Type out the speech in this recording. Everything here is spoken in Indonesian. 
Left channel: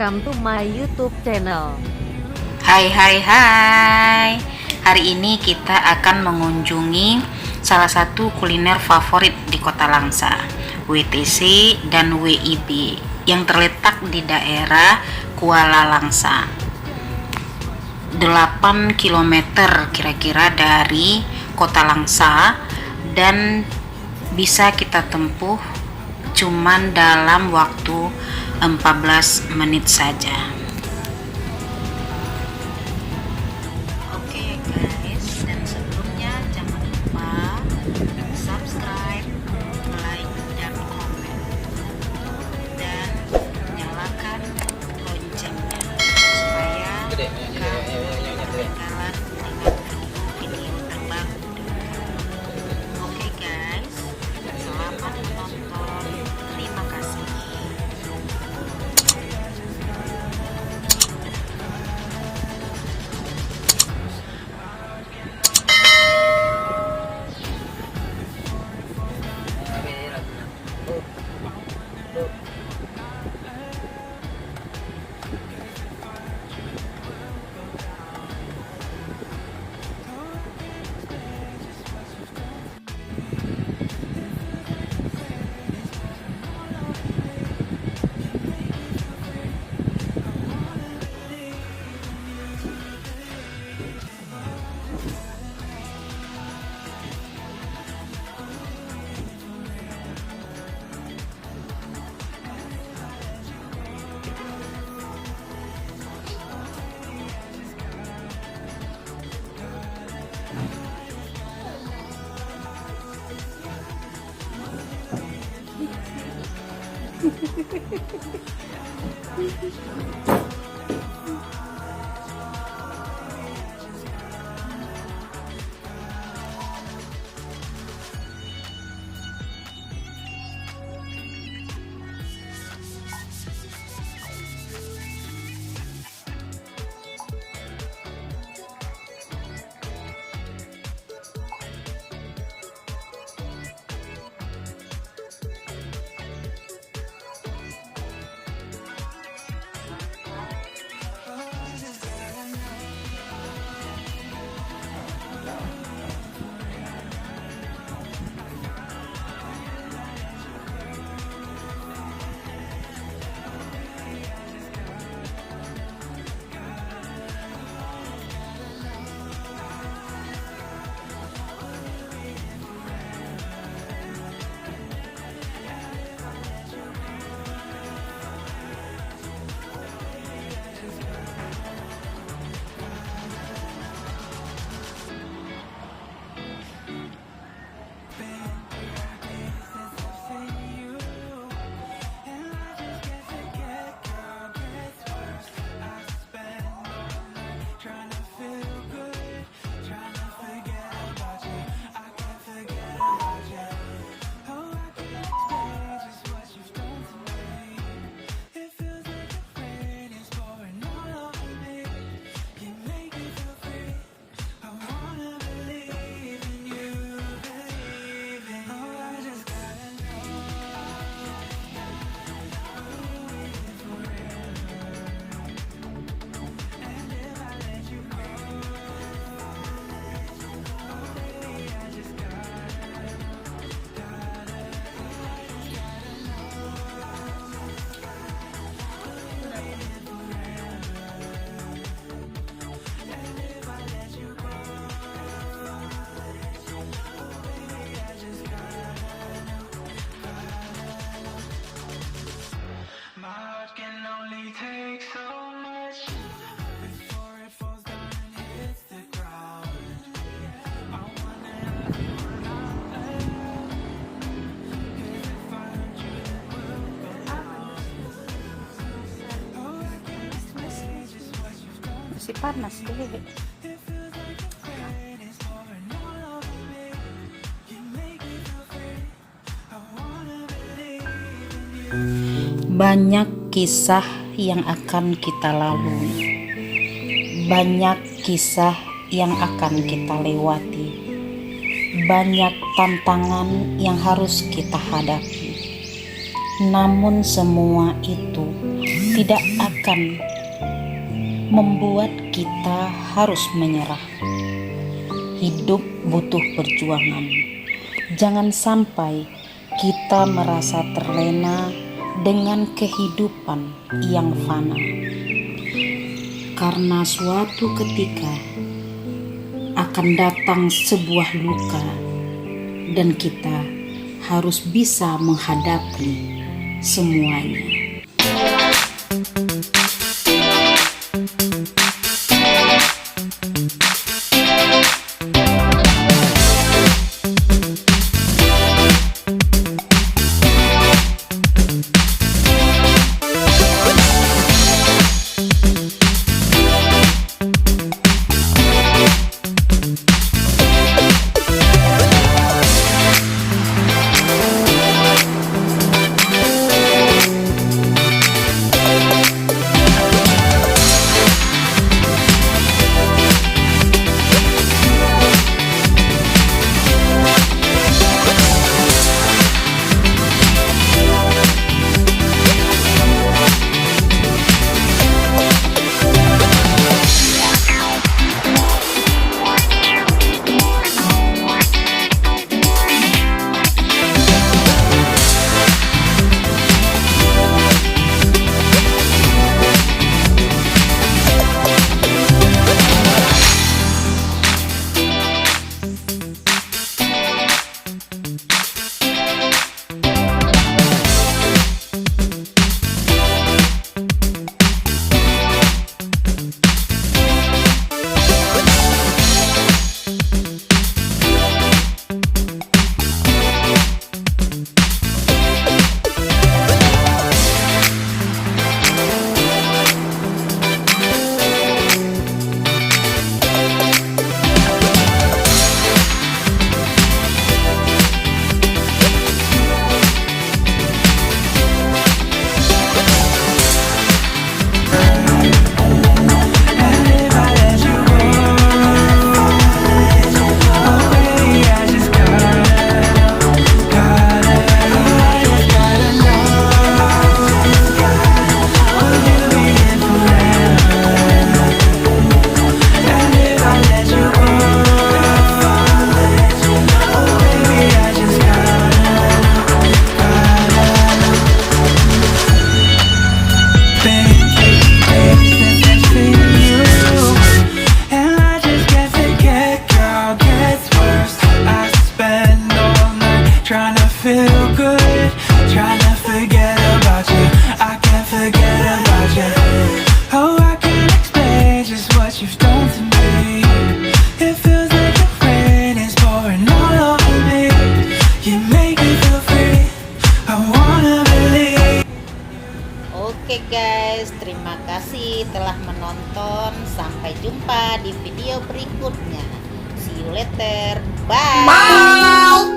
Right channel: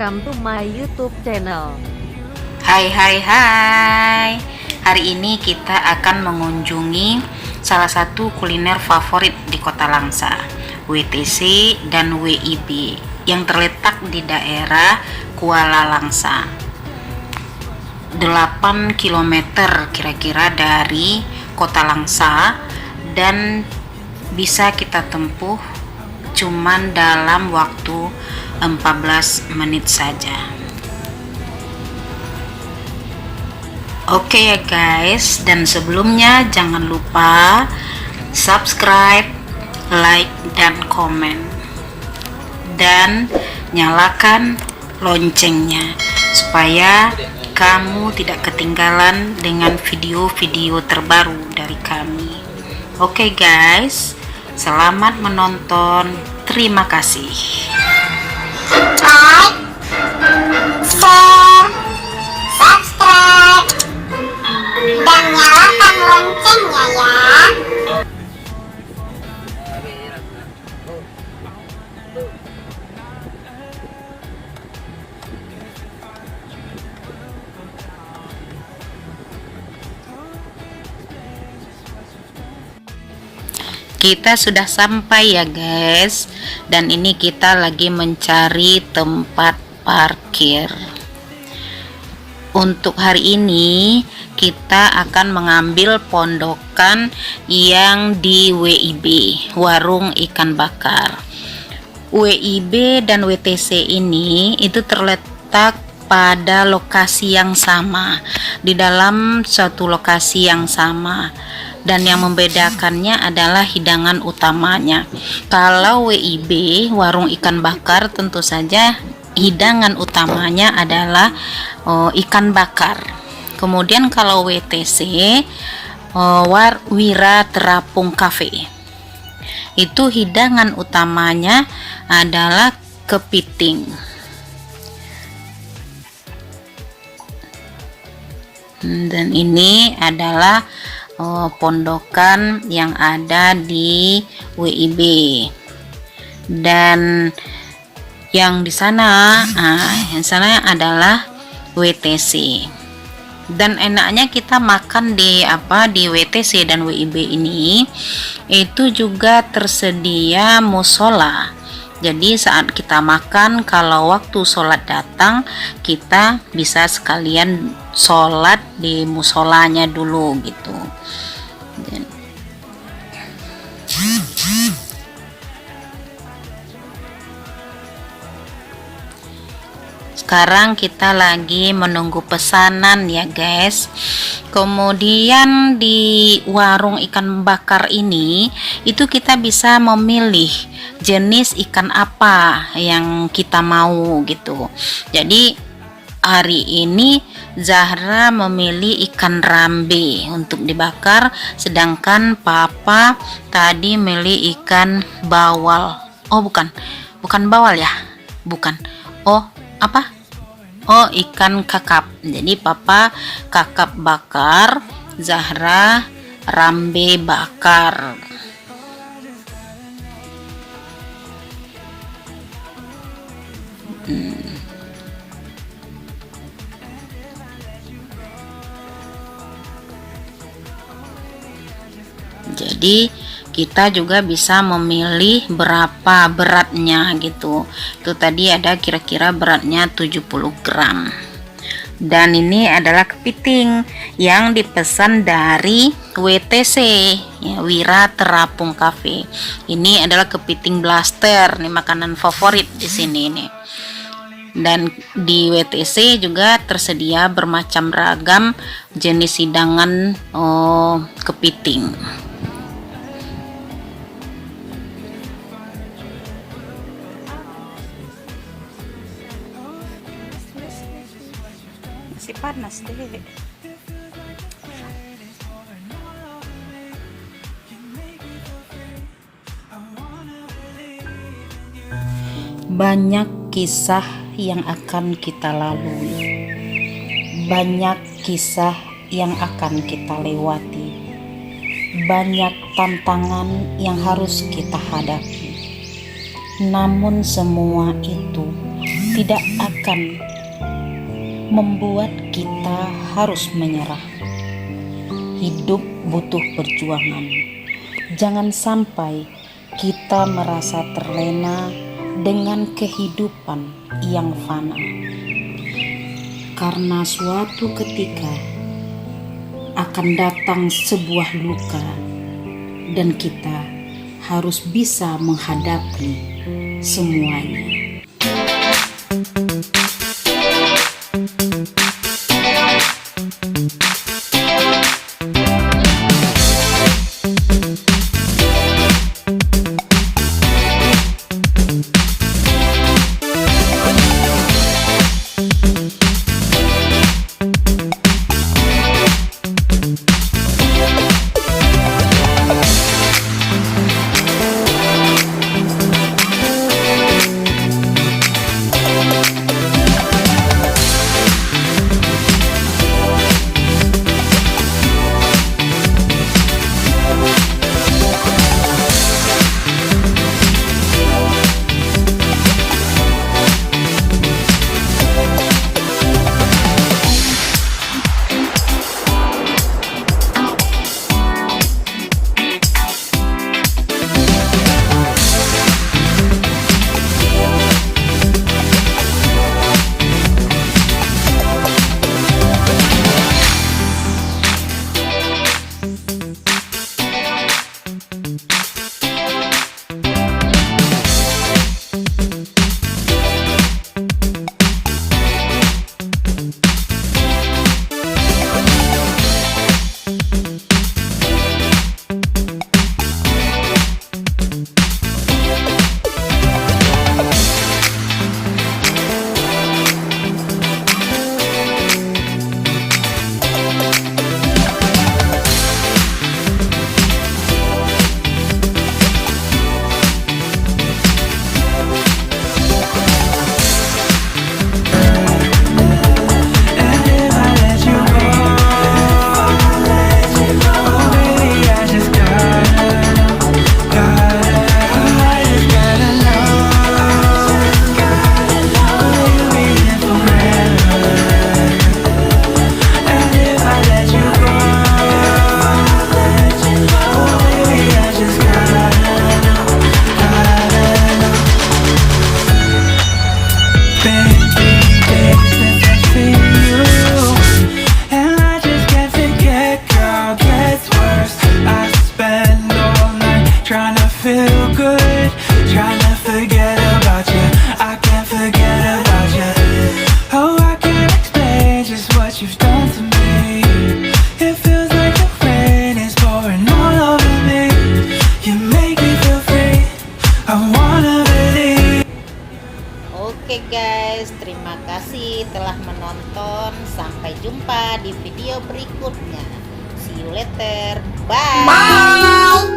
welcome to my YouTube channel. Hai. Hari ini kita akan mengunjungi salah satu kuliner favorit di Kota Langsa, WTC dan WIB yang terletak di daerah Kuala Langsa. 8 km kira-kira dari Kota Langsa, dan bisa kita tempuh cuman dalam waktu 14 menit saja. Oke ya guys, dan sebelumnya jangan lupa subscribe, like, dan komen, dan nyalakan loncengnya supaya kamu tidak ketinggalan dengan video-video terbaru dari kami. Oke guys, selamat menonton. Terima kasih. Like, share, subscribe, dan nyalakan loncengnya ya. Kita sudah sampai ya guys, dan ini kita lagi mencari tempat parkir. Untuk hari ini kita akan mengambil pondokan yang di WIB, warung ikan bakar. WIB dan WTC ini itu terletak pada lokasi yang sama, di dalam suatu lokasi yang sama, dan yang membedakannya adalah hidangan utamanya. Kalau WIB, warung ikan bakar, tentu saja hidangan utamanya adalah ikan bakar. Kemudian kalau WTC, Wira Terapung Cafe, itu hidangan utamanya adalah kepiting. Dan ini adalah pondokan yang ada di WIB, dan yang di sana, yang sana adalah WTC. Dan enaknya kita makan di WTC dan WIB ini, itu juga tersedia musola. Jadi saat kita makan, kalau waktu sholat datang, kita bisa sekalian sholat di musolanya dulu gitu. Sekarang kita lagi menunggu pesanan ya guys. Kemudian di warung ikan bakar ini, itu kita bisa memilih jenis ikan apa yang kita mau gitu. Jadi hari ini Zahra memilih ikan rambe untuk dibakar, sedangkan Papa tadi milih ikan bawal. Bukan bawal ya, bukan. Ikan kakap. Jadi Papa kakap bakar, Zahra rambe bakar. Jadi kita juga bisa memilih berapa beratnya gitu. Itu tadi ada kira-kira beratnya 70 gram. Dan ini adalah kepiting yang dipesan dari WTC ya, Wira Terapung Cafe. Ini adalah kepiting blaster, ini makanan favorit di sini nih. Dan di WTC juga tersedia bermacam ragam jenis hidangan kepiting. Masih panas deh. Banyak kisah yang akan kita lalui, banyak kisah yang akan kita lewati, banyak tantangan yang harus kita hadapi. Namun semua itu tidak akan akan membuat kita harus menyerah. Hidup butuh perjuangan. Jangan sampai kita merasa terlena dengan kehidupan yang fana. Karena suatu ketika akan datang sebuah luka dan kita harus bisa menghadapi semuanya. Oke guys, terima kasih telah menonton. Sampai jumpa di video berikutnya. See you later. Bye. Bye.